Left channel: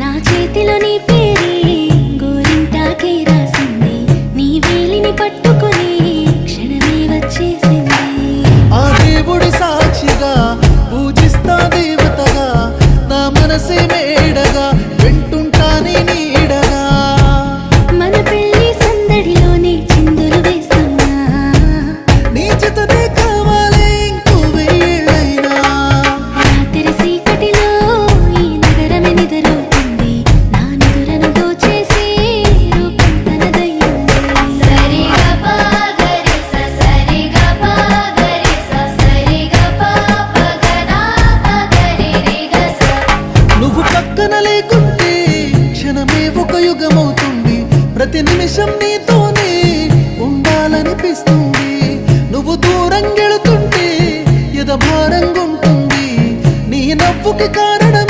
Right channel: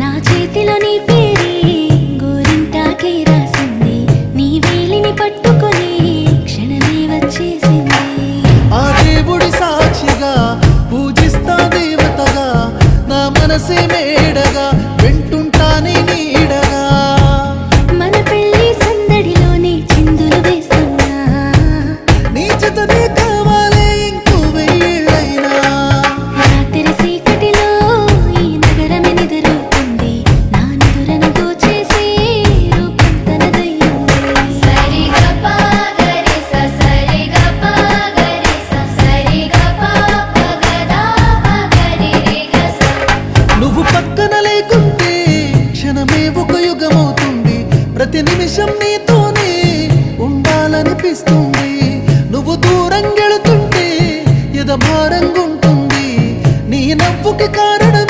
నా చేతిలో నీ పేరే గోరింటాకే రాసింది, నీ వేలిని పట్టుకొని క్షణమే వచ్చేసింది. ఆ దేవుడి సాక్షిగా పూజిస్తా దేవతగా, నా మనసే మేడగా వింటుంటానే నీడగా. మన పెళ్లి సందడిలోనే చిందులు వేస్తున్నా, నీ జతనే కావాలే ఇంకో వెయ్యేళ్ళైనా. రాత్రి చీకటిలో ఈ నగరమే నిద్రవుతుంది, నా నిదురను దోచేసి రూపం తనదయ్యింది. నువ్వు పక్కన లేకుంటే క్షణమే ఒక యుగమవుతుంది, ప్రతి నిమిషం నీతోనే ఉండాలనిపిస్తుంది. నువ్వు దూరం గెళుతుంటే ఎద భారంగుంటుంది, నీ నవ్వుకి కారణం